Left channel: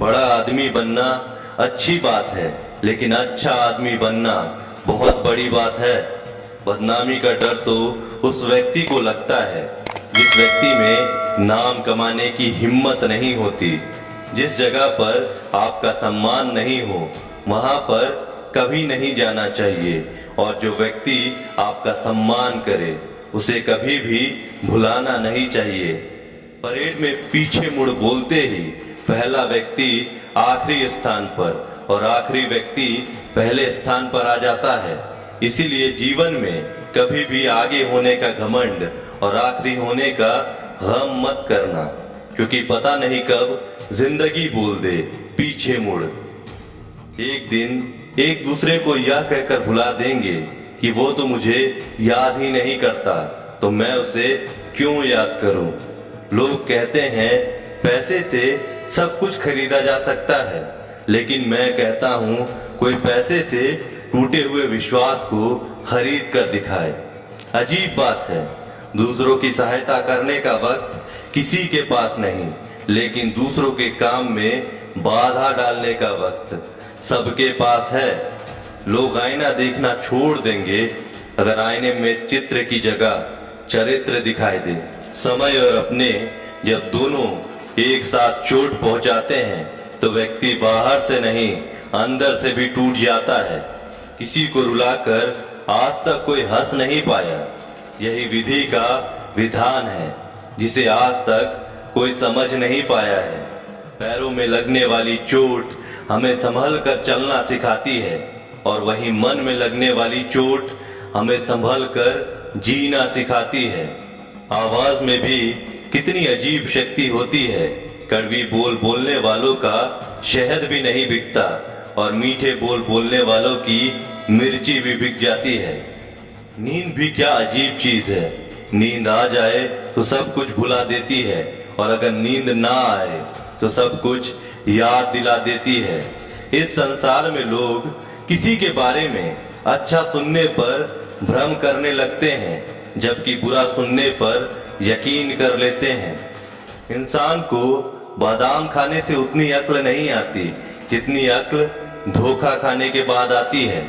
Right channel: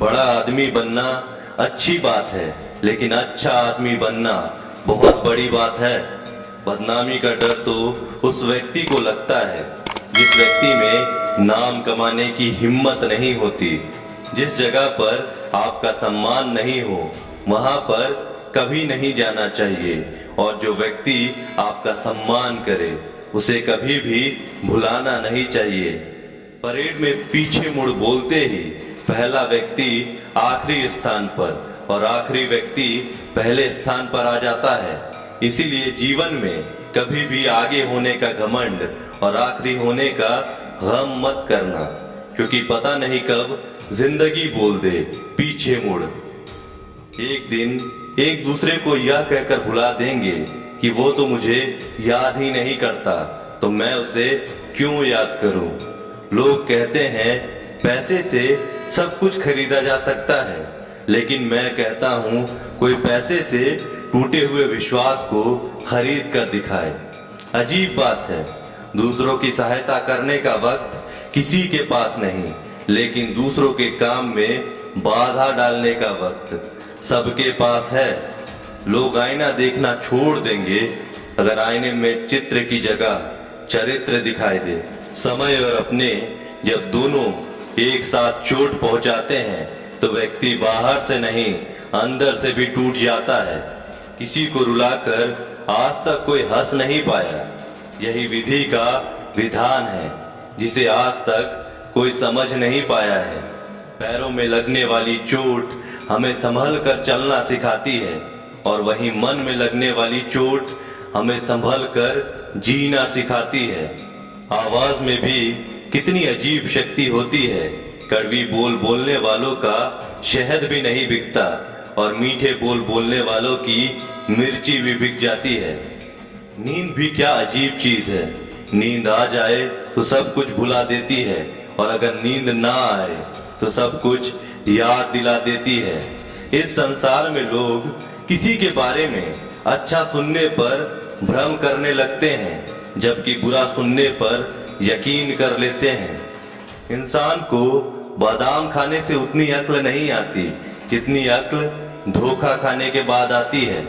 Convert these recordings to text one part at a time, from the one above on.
बड़ा आदमी बनना अच्छी बात है, लेकिन अच्छा आदमी बनना बहुत बड़ी बात है। बदनामी का डर तो उस व्यक्ति को लगता है जिस व्यक्ति में नाम कमाने की हिम्मत नहीं होती। जिस जगह पर आपका सम्मान नहीं हो वहां पर कभी नहीं जाना चाहिए, और जो व्यक्ति आपका सम्मान करे उसे कभी भी भुलाना नहीं चाहिए। परेड में पीछे मुड़ बोलते ही पहला व्यक्ति आखिरी स्थान पर और आखिरी व्यक्ति पहले स्थान पर आ जाता है। इसीलिए जीवन में कभी भी आगे होने का घमंड और आखिरी होने का गम मत करना, क्योंकि पता नहीं कब जिंदगी बोल दे पीछे मुड़। एक दिन एक दूसरे को यह कहकर भुला देंगे कि वो तो मुझे याद ही नहीं करता, तो मैं उसे क्यों याद करूं। लोग कहते हैं पैसे से सब कुछ खरीदा जा सकता है, लेकिन मैं कहता हूं कोई पैसे से टूटे हुए विश्वास को खरीद कर दिखाए। अजीब बात है, दूसरों की सहायता करने का वक्त किसी के पास नहीं, लेकिन दूसरों के काम में बाधा डालने का वक्त सबके पास है। लोग आईना देखना छोड़ देंगे अगर आईने में चित्र की जगह चरित्र दिखाई दे। समय और अपने जब दोनों एक साथ चोट पहुंचाते हैं तो व्यक्ति बाहर से नहीं अंदर से भी टूट जाता है। किसी को रुलाकर आज तक कोई हंस नहीं पाया। यही विधि का विधान है जिसे आज तक कोई समझ नहीं पाया है। पैरों में लगने वाली चोट हमें संभल कर चलना सिखाती है, और वहीं मन में लगने वाली चोट हमें संभल कर जीना सिखाती है। आवाज में भी कितनी अजीब शक्ति होती है। कड़वी बोल बोलने वालों का शहद भी नहीं बिकता, और मीठे बोल बोलने वालों की मिर्ची भी बिक जाती है। नींद भी क्या अजीब चीज है। नींद आ जाए तो सब कुछ भुला देती है, और अगर नींद ना आए तो सब कुछ याद दिला देती है। इस संसार में लोग किसी के बारे में अच्छा सुनने पर भ्रम करने लगते हैं, जबकि बुरा सुनने पर यकीन कर लेते हैं। इंसान को बादाम खाने से उतनी अक्ल नहीं आती जितनी अक्ल धोखा खाने के बाद आती है।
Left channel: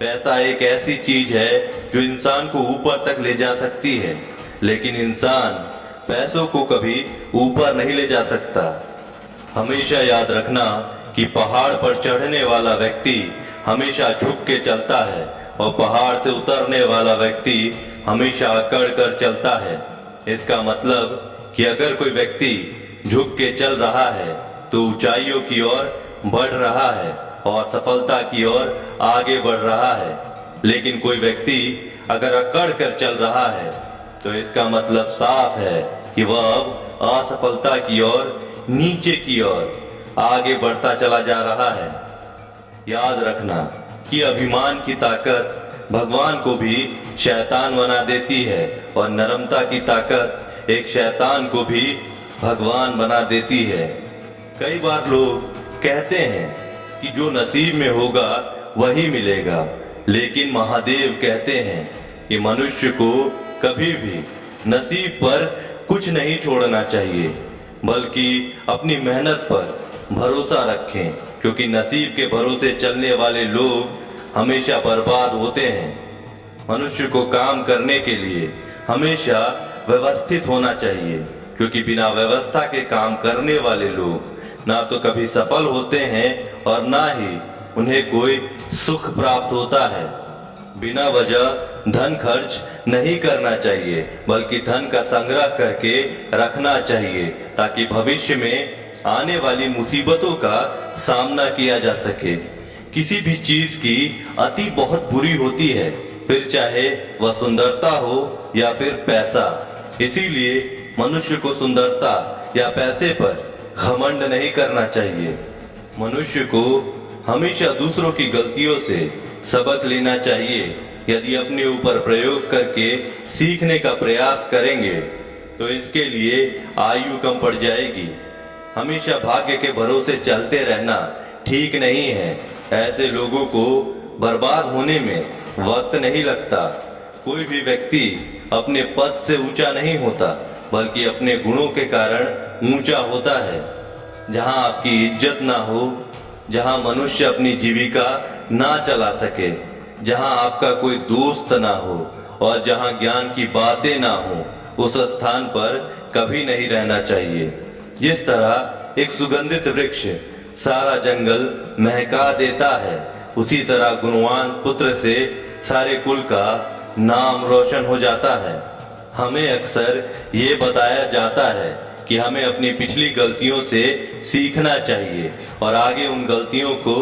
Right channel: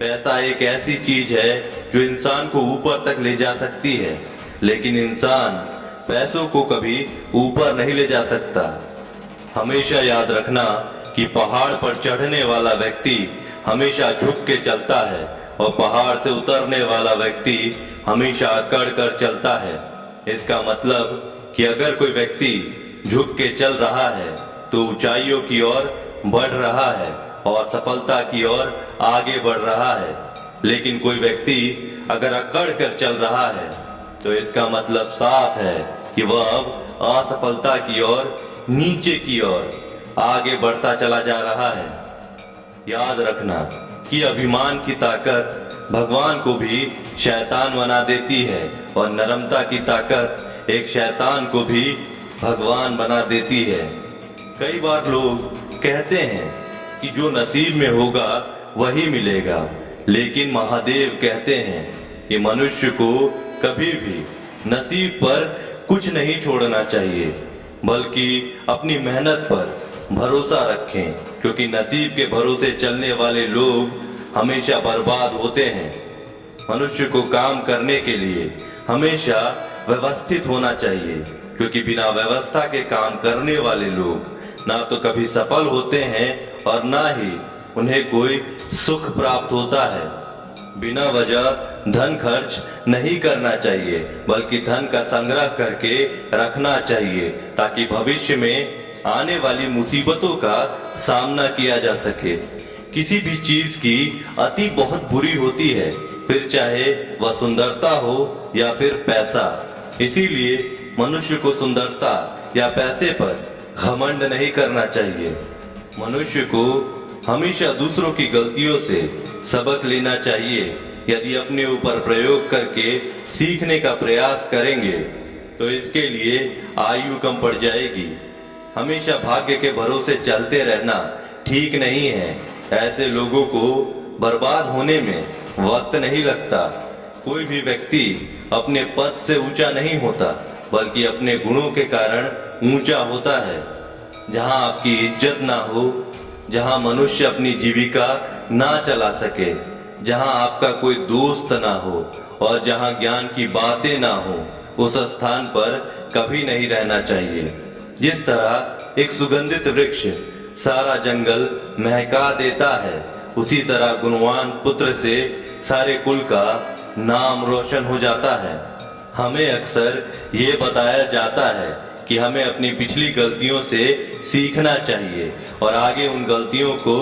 पैसा एक ऐसी चीज है जो इंसान को ऊपर तक ले जा सकती है, लेकिन इंसान पैसों को कभी ऊपर नहीं ले जा सकता। हमेशा याद रखना कि पहाड़ पर चढ़ने वाला व्यक्ति हमेशा झुक के चलता है, और पहाड़ से उतरने वाला व्यक्ति हमेशा अकड़ कर चलता है। इसका मतलब कि अगर कोई व्यक्ति झुक के चल रहा है तो ऊंचाइयों की ओर बढ़ रहा है और सफलता की ओर आगे बढ़ रहा है, लेकिन कोई व्यक्ति अगर अकड़ कर चल रहा है तो इसका मतलब साफ है कि वह अब असफलता की ओर, नीचे की ओर आगे बढ़ता चला जा रहा है। याद रखना कि अभिमान की ताकत भगवान को भी शैतान बना देती है, और नरमता की ताकत एक शैतान को भी भगवान बना देती है। कई बार लोग कहते हैं कि जो नसीब में होगा वही मिलेगा, लेकिन महादेव कहते हैं कि मनुष्य को कभी भी नसीब पर कुछ नहीं छोड़ना चाहिए, बल्कि अपनी मेहनत पर भरोसा रखें, क्योंकि नसीब के भरोसे चलने वाले लोग हमेशा बर्बाद होते हैं। मनुष्य को काम करने के लिए हमेशा व्यवस्थित होना चाहिए, क्योंकि बिना व्यवस्था के काम करने वाले लोग ना तो कभी सफल होते हैं और ना ही उन्हें कोई सुख प्राप्त होता है। बिना वजह धन खर्च नहीं करना चाहिए, बल्कि धन का संग्रह करके रखना चाहिए, ताकि भविष्य में आने वाली मुसीबतों का सामना किया जा सके। किसी भी चीज की अति बहुत बुरी होती है, फिर चाहे वह सुंदरता हो या फिर पैसा। इसीलिए मनुष्य को सुंदरता या पैसे पर घमंड नहीं करना चाहिए। मनुष्य को हमेशा दूसरों की गलतियों से सबक लेना चाहिए। यदि अपने ऊपर प्रयोग करके सीखने का प्रयास करेंगे तो इसके लिए आयु कम पड़ जाएगी। हमेशा भाग्य के भरोसे चलते रहना ठीक नहीं है। ऐसे लोगों को बर्बाद होने में वक्त नहीं लगता। कोई भी व्यक्ति अपने पद से ऊंचा नहीं होता, बल्कि अपने गुणों के कारण ऊंचा होता है। जहां आपकी इज्जत ना हो, जहां मनुष्य अपनी जीविका ना चला सके, जहां आपका कोई दोस्त ना हो और जहां ज्ञान की बातें ना हो, उस स्थान पर कभी नहीं रहना चाहिए। जिस तरह एक सुगंधित वृक्ष सारा जंगल महका देता है, उसी तरह गुणवान पुत्र से सारे कुल का नाम रोशन हो जाता है। हमें अक्सर ये बताया जाता है कि हमें अपनी पिछली गलतियों से सीखना चाहिए और आगे उन गलतियों को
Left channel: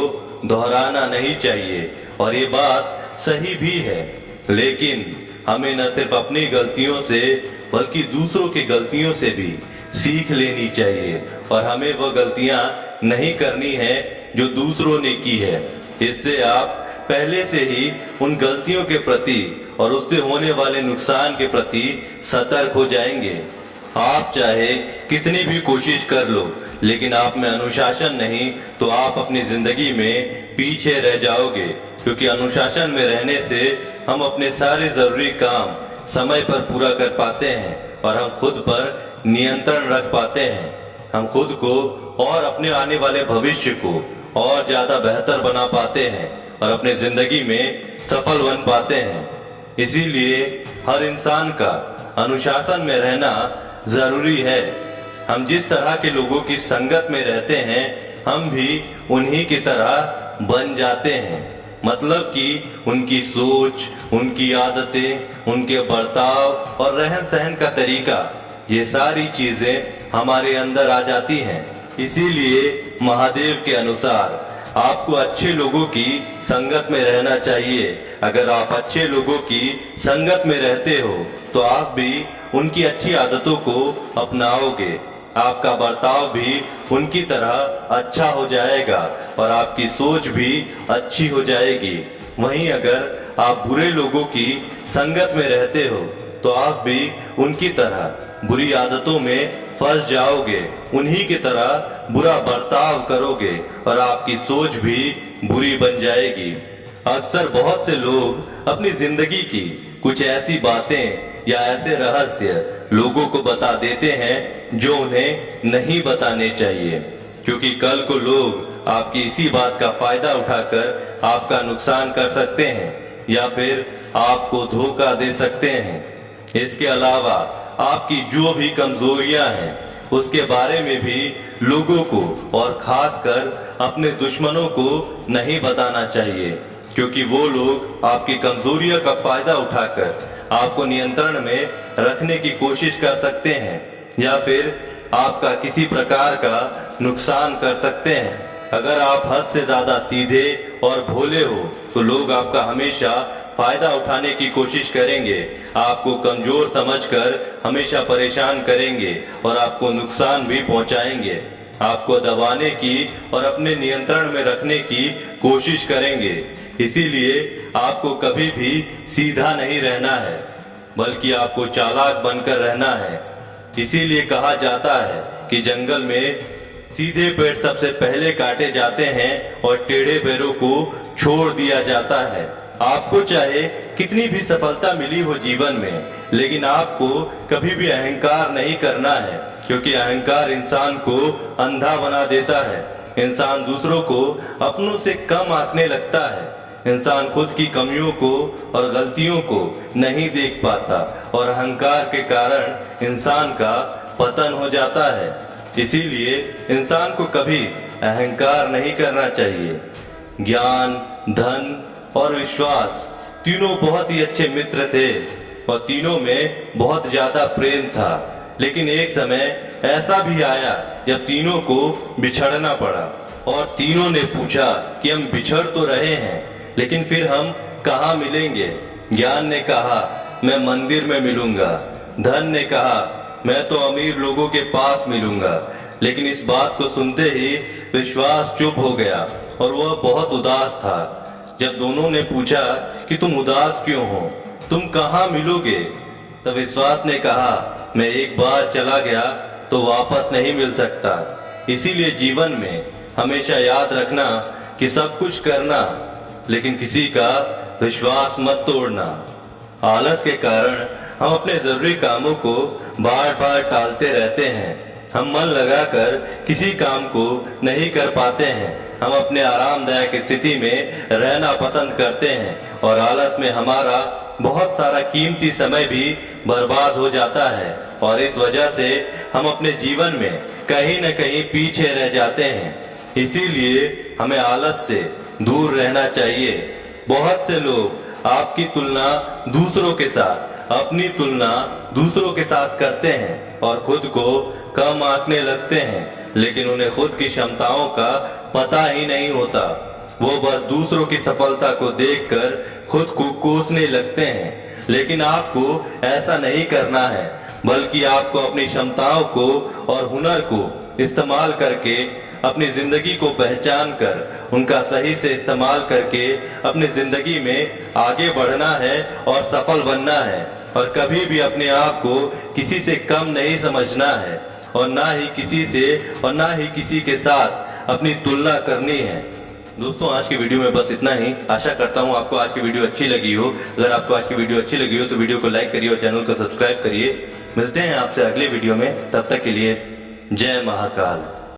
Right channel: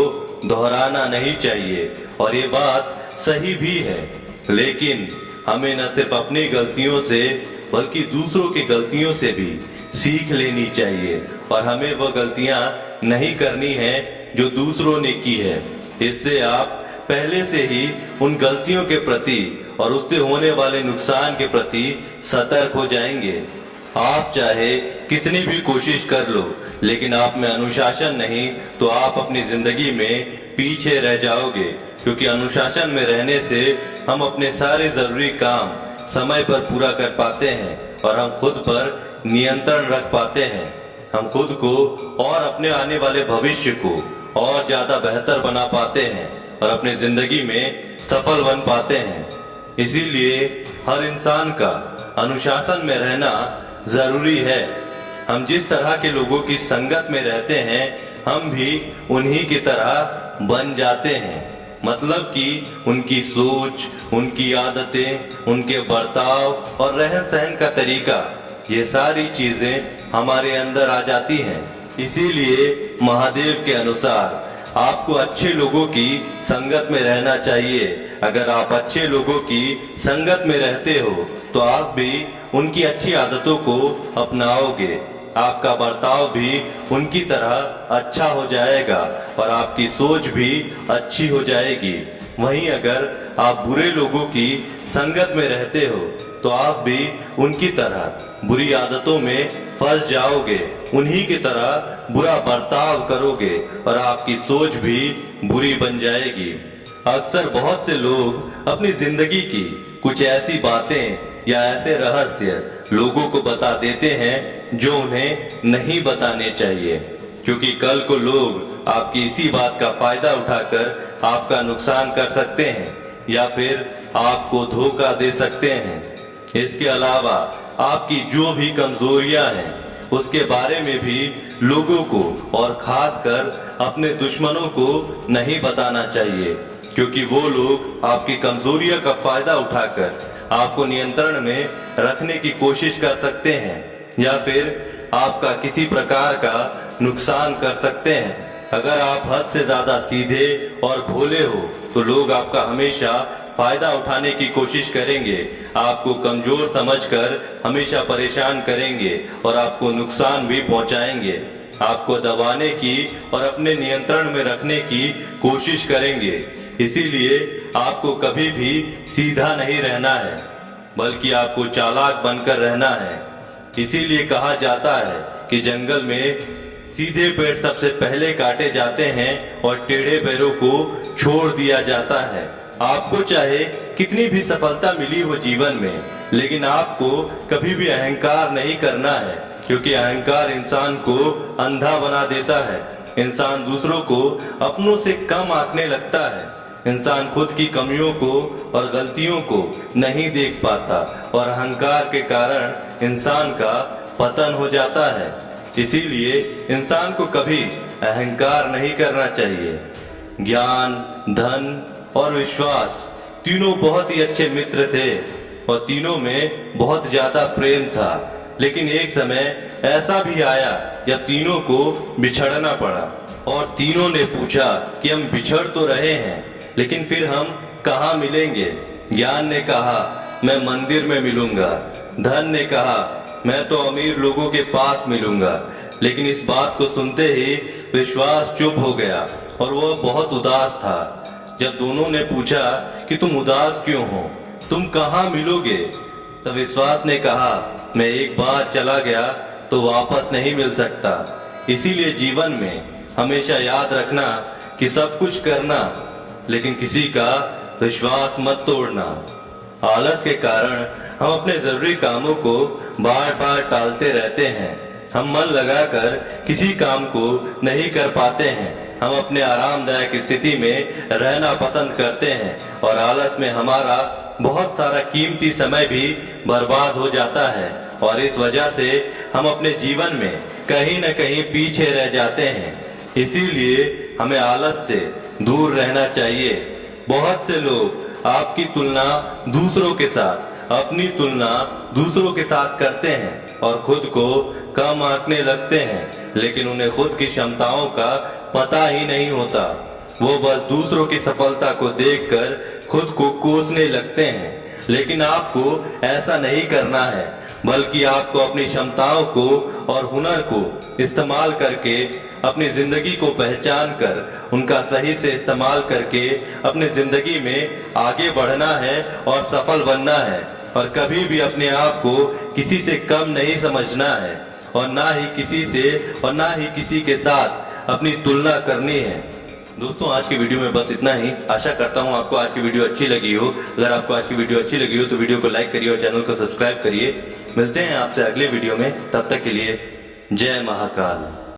दोहराना नहीं चाहिए, और ये बात सही भी है। लेकिन हमें न सिर्फ अपनी गलतियों से बल्कि दूसरों की गलतियों से भी सीख लेनी चाहिए, और हमें वह गलतियां नहीं करनी है जो दूसरों ने की है। इससे आप पहले से ही उन गलतियों के प्रति और उससे होने वाले नुकसान के प्रति सतर्क हो जाएंगे। आप चाहे कितनी भी कोशिश कर लो, लेकिन आप में अनुशासन नहीं तो आप अपनी जिंदगी में पीछे रह जाओगे, क्योंकि अनुशासन में रहने से हम अपने सारे जरूरी काम समय पर पूरा कर पाते हैं और हम खुद पर नियंत्रण रख पाते हैं। हम खुद को और अपने आने वाले भविष्य को और ज्यादा बेहतर बना पाते हैं और अपने जिंदगी में सफल बन पाते हैं। इसीलिए हर इंसान का अनुशासन में रहना जरूरी है। हम जिस तरह के लोगों की संगत में रहते हैं, हम भी उन्हीं की तरह बन जाते हैं। मतलब कि उनकी सोच, उनकी आदतें, उनके बर्ताव और रहन सहन का तरीका, ये सारी चीजें हमारे अंदर आ जाती हैं। इसीलिए महादेव के अनुसार आपको अच्छे लोगों की संगत में रहना चाहिए। अगर आप अच्छे लोगों की संगत में रहते हो तो आप भी उनकी अच्छी आदतों को अपनाओगे, आपका बर्ताव भी उनकी तरह अच्छा हो जाएगा और आपकी सोच भी अच्छी हो जाएगी। वहीं अगर आप बुरे लोगों की संगत में रहते हो तो आप भी उनकी तरह बुरी आदतों में फंस जाओगे, उन्हीं की तरह बुरा बर्ताव करोगे और आपकी सोच भी बुरी बन जाएगी। अक्सर बहुत से लोग अपनी जिंदगी की कुछ ऐसी बातें या ऐसे रहस्य लोगों को बता देते हैं जो उन्हें नहीं बताने चाहिए, क्योंकि कल को लोग आपकी इसी बात का फायदा उठाकर आपका नुकसान कर सकते हैं या फिर आपको धोखा दे सकते हैं। इसके अलावा आपकी जो भी कमजोरियां हैं उसके बारे में भी लोगों को और खासकर अपने दुश्मनों को नहीं बताना चाहिए, क्योंकि वो लोग आपकी कमजोरियों का फायदा उठाकर आपको नियंत्रण में रखने की कोशिश कर सकते हैं या फिर आपका किसी प्रकार का नुकसान कर सकते हैं। अगर आप हद से ज्यादा सीधे और भोले हो तो लोग आपका हमेशा फायदा उठाने की कोशिश करेंगे, आपको कमजोर समझकर हमेशा परेशान करेंगे और आपको नुकसान भी पहुंचाएंगे। आपको दबाने की और अपने नियंत्रण में रखने की कोशिश करेंगे। इसीलिए आपको कभी भी सीधा नहीं रहना है, बल्कि आपको चालाक बनकर रहना है। इसीलिए कहा जाता है कि जंगल में सीधे पेड़ सबसे पहले काटे जाते हैं और टेढ़े पैरों को छोड़ दिया जाता है। आपको चाहे कितनी भी सफलता मिली हो जीवन में, लेकिन आपको कभी भी अहंकार नहीं करना है, क्योंकि अहंकार इंसान को अंधा बना देता है। इंसान दूसरों को अपनों से कम आंकने लगता है। इंसान खुद की कमियों को और गलतियों को नहीं देख पाता और अहंकार के कारण इंसान का पतन हो जाता है। इसीलिए इंसान को कभी अहंकार नहीं करना चाहिए। ज्ञान, धन और विश्वास तीनों बहुत ही अच्छे मित्र थे और तीनों में बहुत ज्यादा प्रेम था। लेकिन एक समय ऐसा भी आया जब तीनों को बिछड़ना पड़ा और तीनों ने पूछा कि हम बिछड़ तो रहे हैं, लेकिन फिर हम कहाँ मिलेंगे। ज्ञान ने कहा मैं मंदिर में मिलूंगा। धन ने कहा मैं तो अमीर लोगों के पास मिलूंगा। लेकिन इस बात को सुनते ही विश्वास चुप हो गया और वह बहुत उदास था। जब दोनों ने पूछा कि तुम उदास क्यों हो, तुम कहाँ मिलोगे, तब विश्वास ने कहा मैं एक बार चला गया तो वापस नहीं मिल सकता। इसीलिए जीवन में हमेशा याद रखना कि सब कुछ करना, लेकिन किसी का विश्वास मत तोड़ना। आलस के कारण हम अपने जरूरी कामों को बार बार टालते रहते हैं। हम मन लगाकर किसी काम को नहीं कर पाते हैं। हम अपने आरामदायक स्थिति में रहना पसंद करते हैं और आलस में हमारा बहुत सारा कीमती समय भी बर्बाद हो जाता है और इस वजह से हम अपने जीवन में कहीं न कहीं पीछे रह जाते हैं। इसीलिए हमें आलस से दूर रहना चाहिए। बहुत से लोग आपकी तुलना दूसरों के साथ, अपनी तुलना दूसरों के साथ करते हैं और खुद को कम आंकने लगते हैं, लेकिन उन्हें खुद की क्षमताओं का पता ही नहीं होता। वो बस दूसरों की सफलता को देखकर खुद को कोसने लगते हैं। लेकिन आपको ऐसा नहीं करना है, बल्कि आपको अपनी क्षमताओं को और हुनर को इस्तेमाल करके अपनी जिंदगी को पहचान कर उनका सही से इस्तेमाल करके अपनी जिंदगी में आगे बढ़ना है और सफल बनना है। और कभी भी अपने आप को किसी से कम नहीं समझना है और ना ही किसी से और ना ही किसी के साथ अपनी तुलना करनी है। दोस्तों, आज की वीडियो में बस इतना ही। आशा करता हूँ आपको आज की वीडियो अच्छी लगी हो। अगर आपको आज की वीडियो अच्छी लगी हो तो वीडियो को लाइक करिए और चैनल को सब्सक्राइब करिए। मिलते हैं आपसे अगले वीडियो में, तब तक के लिए जय महाकाल।